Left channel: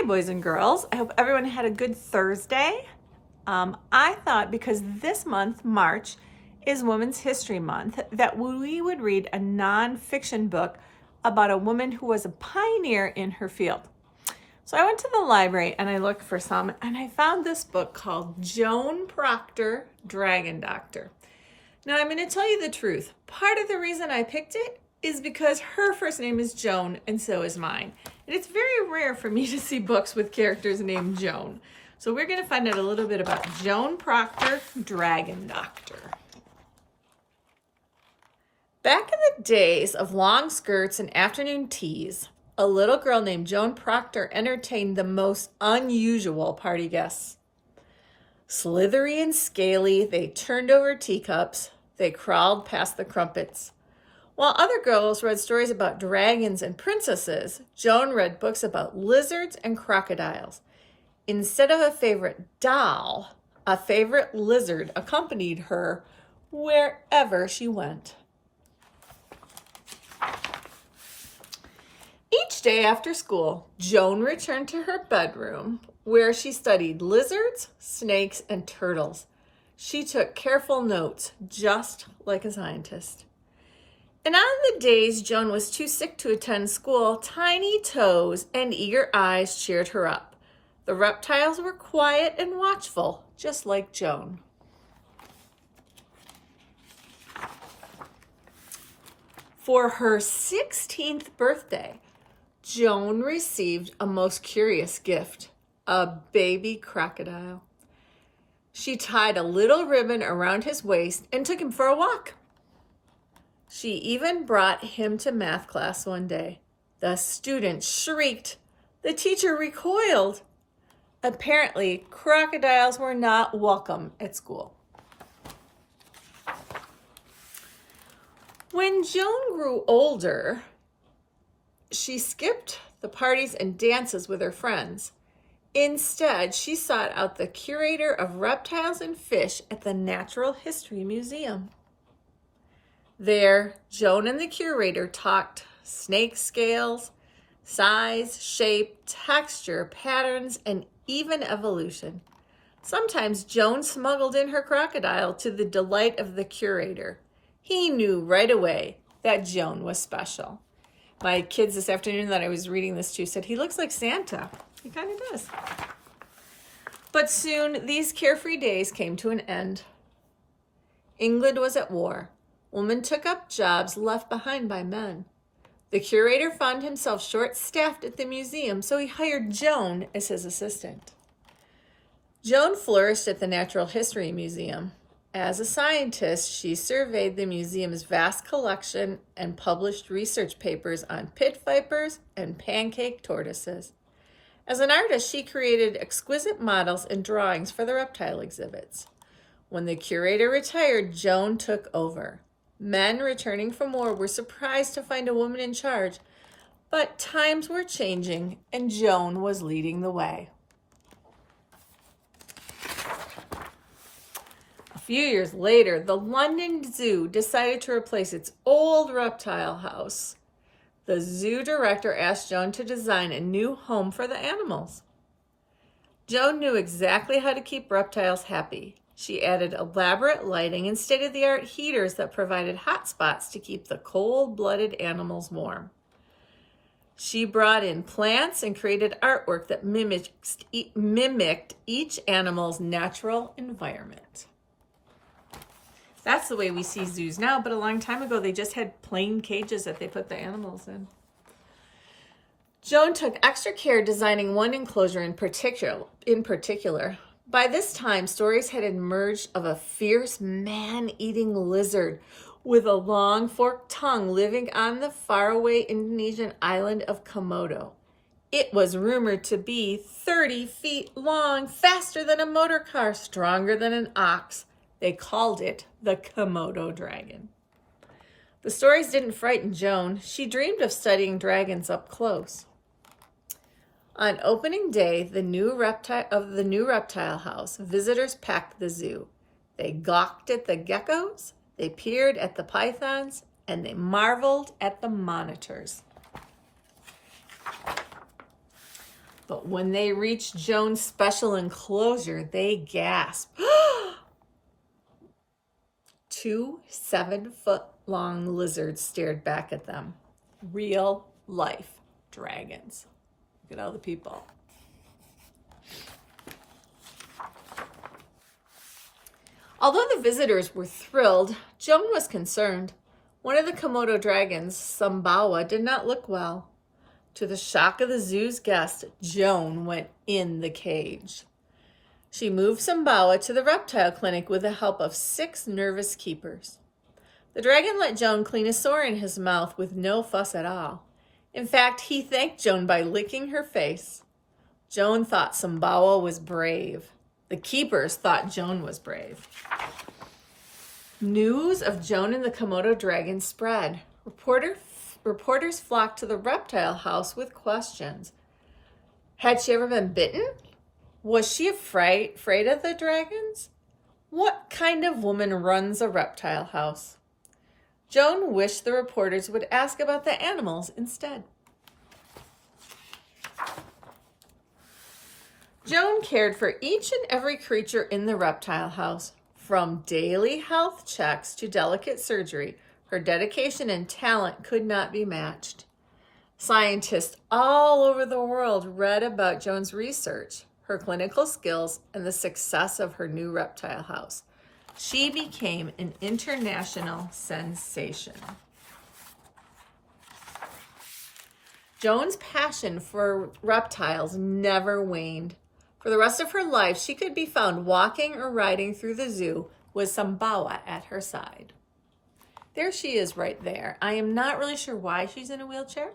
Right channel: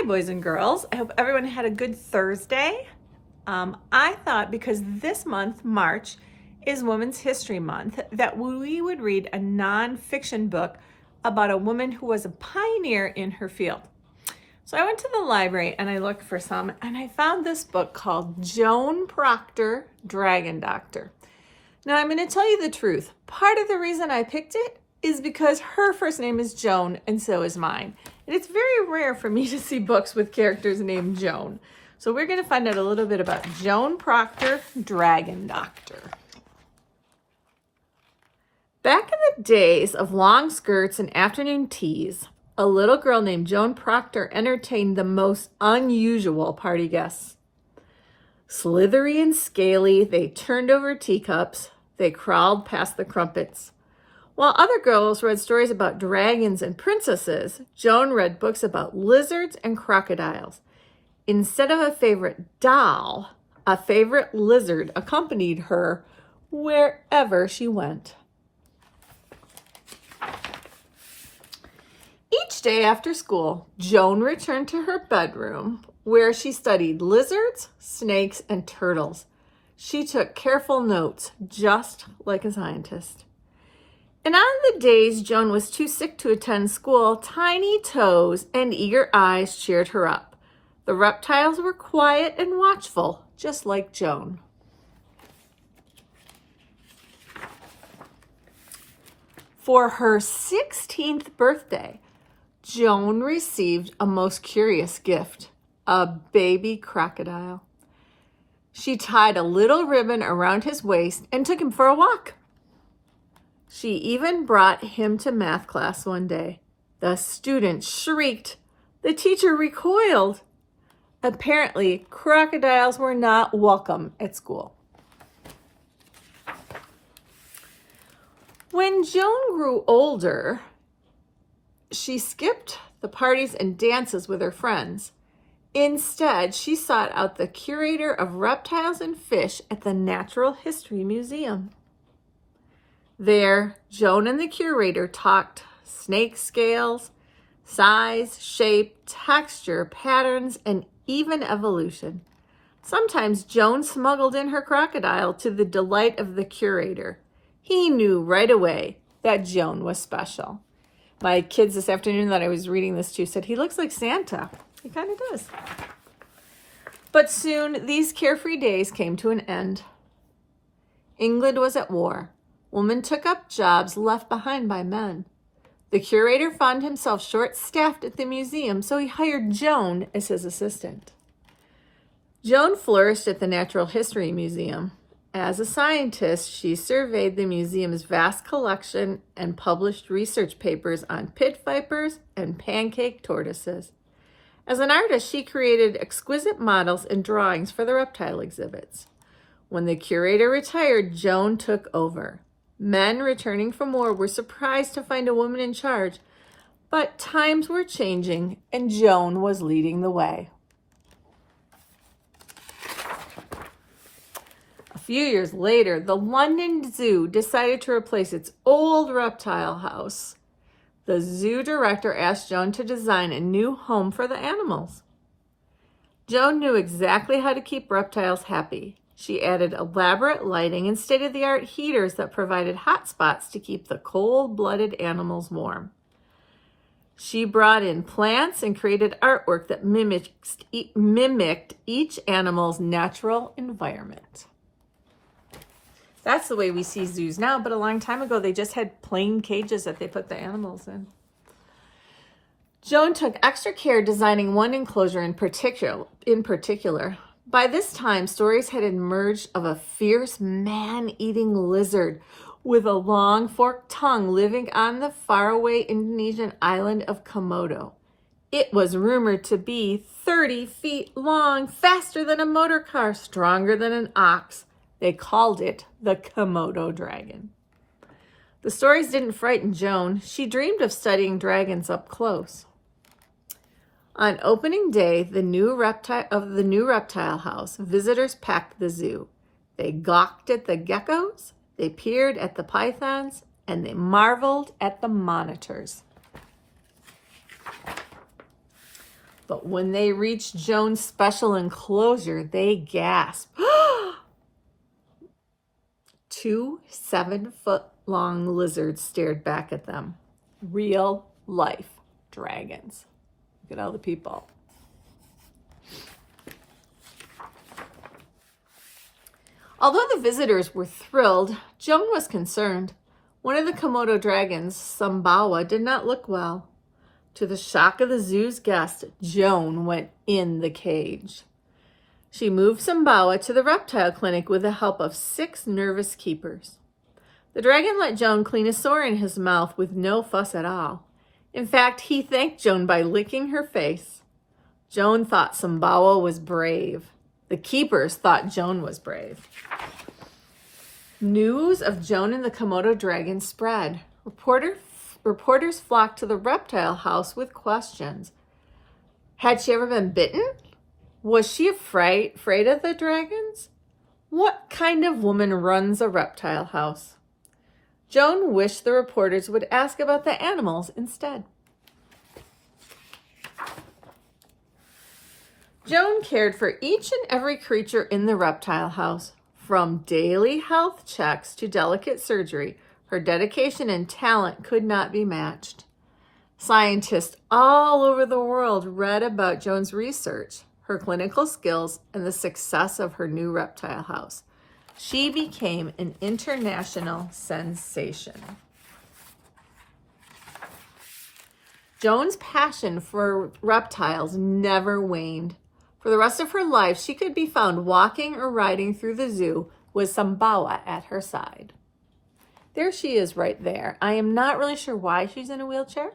Hi, boys and girls. I hope everyone had a good Thursday. I thought because this month, March, is Women's History Month, that we would read a nonfiction book about a woman who was a pioneer in her field. So I went to the library and I looked for some, and I found this book called Joan Proctor, Dragon Doctor. Now, I'm going to tell you the truth. Part of the reason I picked it is because her first name is Joan, and so is mine. And it's very rare for me to see books with characters named Joan. So we're going to find out a little bit about Joan Proctor, Dragon Doctor. Back in the days of long skirts and afternoon teas, a little girl named Joan Proctor entertained the most unusual party guests. Slithery and scaly, they turned over teacups, they crawled past the crumpets. While other girls read stories about dragons and princesses, Joan read books about lizards and crocodiles. Instead of a favorite doll, a favorite lizard accompanied her wherever she went. Each day after school, Joan returned to her bedroom where she studied lizards, snakes, and turtles. She took careful notes, just like a scientist. And on the days Joan was too sick to attend school, tiny toes and eager eyes cheered her up. The reptiles were quiet and watchful, just like Joan. For her 16th birthday, Joan received a most curious gift, a baby crocodile. She tied a little ribbon around his waist and took him for a walk. She even brought him to math class one day. The students shrieked. The teacher recoiled. Apparently, crocodiles were not welcome at school. When Joan grew older, she skipped the parties and dances with her friends. Instead, she sought out the curator of reptiles and fish at the Natural History Museum. There, Joan and the curator talked snake scales, size, shape, texture, patterns, and even evolution. Sometimes Joan smuggled in her crocodile to the delight of the curator. He knew right away that Joan was special. My kids this afternoon that I was reading this to said, he looks like Santa. He kind of does. But soon, these carefree days came to an end. England was at war. Women took up jobs left behind by men. The curator found himself short-staffed at the museum, so he hired Joan as his assistant. Joan flourished at the Natural History Museum. As a scientist, she surveyed the museum's vast collection and published research papers on pit vipers and pancake tortoises. As an artist, she created exquisite models and drawings for the reptile exhibits. When the curator retired, Joan took over. Men returning from war were surprised to find a woman in charge, but times were changing and Joan was leading the way. A few years later, the London Zoo decided to replace its old reptile house. The zoo director asked Joan to design a new home for the animals. Joan knew exactly how to keep reptiles happy. She added elaborate lighting and state-of-the-art heaters that provided hot spots to keep the cold-blooded animals warm. She brought in plants and created artwork that mimicked each animal's natural environment. That's the way we see zoos now, but a long time ago, they just had plain cages that they put the animals in. Joan took extra care designing one enclosure in particular. By this time, stories had emerged of a fierce man-eating lizard with a long forked tongue living on the faraway Indonesian island of Komodo. It was rumored to be 30 feet long, faster than a motor car, stronger than an ox. They called it the Komodo dragon. The stories didn't frighten Joan. She dreamed of studying dragons up close. On opening day of the new reptile house, visitors packed the zoo. They gawked at the geckos, they peered at the pythons, and they marveled at the monitors. But when they reached Joan's special enclosure, they gasped. 2 7-foot-long lizards stared back at them. Real life dragons. Look at all the people. Although the visitors were thrilled, Joan was concerned. One of the Komodo dragons, Sumbawa, did not look well. To the shock of the zoo's guests, Joan went in the cage. She moved Sumbawa to the reptile clinic with the help of 6 nervous keepers. The dragon let Joan clean a sore in his mouth with no fuss at all. In fact, he thanked Joan by licking her face. Joan thought Sumbawa was brave. The keepers thought Joan was brave. News of Joan and the Komodo dragon spread. Reporters flocked to the reptile house with questions. Had she ever been bitten? Was she afraid of the dragons? What kind of woman runs a reptile house? Joan wished the reporters would ask about the animals instead. Joan cared for each and every creature in the reptile house. From daily health checks to delicate surgery, her dedication and talent could not be matched. Scientists all over the world read about Joan's research, her clinical skills, and the success of her new reptile house. She became an international sensation. Joan's passion for reptiles never waned. For the rest of her life, she could be found walking or riding through the zoo with Sumbawa at her side. There she is right there. I am not really sure why she's in a wheelchair.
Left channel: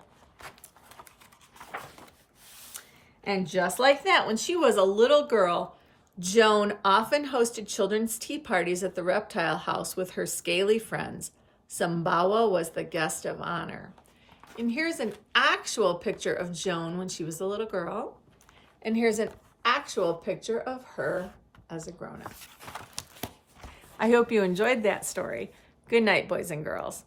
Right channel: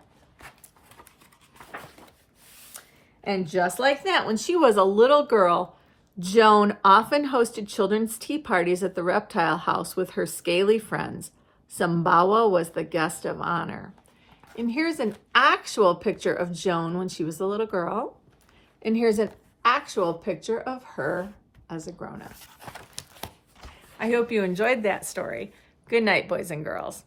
And just like that, when she was a little girl, Joan often hosted children's tea parties at the reptile house with her scaly friends. Sumbawa was the guest of honor. And here's an actual picture of Joan when she was a little girl. And here's an actual picture of her as a grown-up. I hope you enjoyed that story. Good night, boys and girls.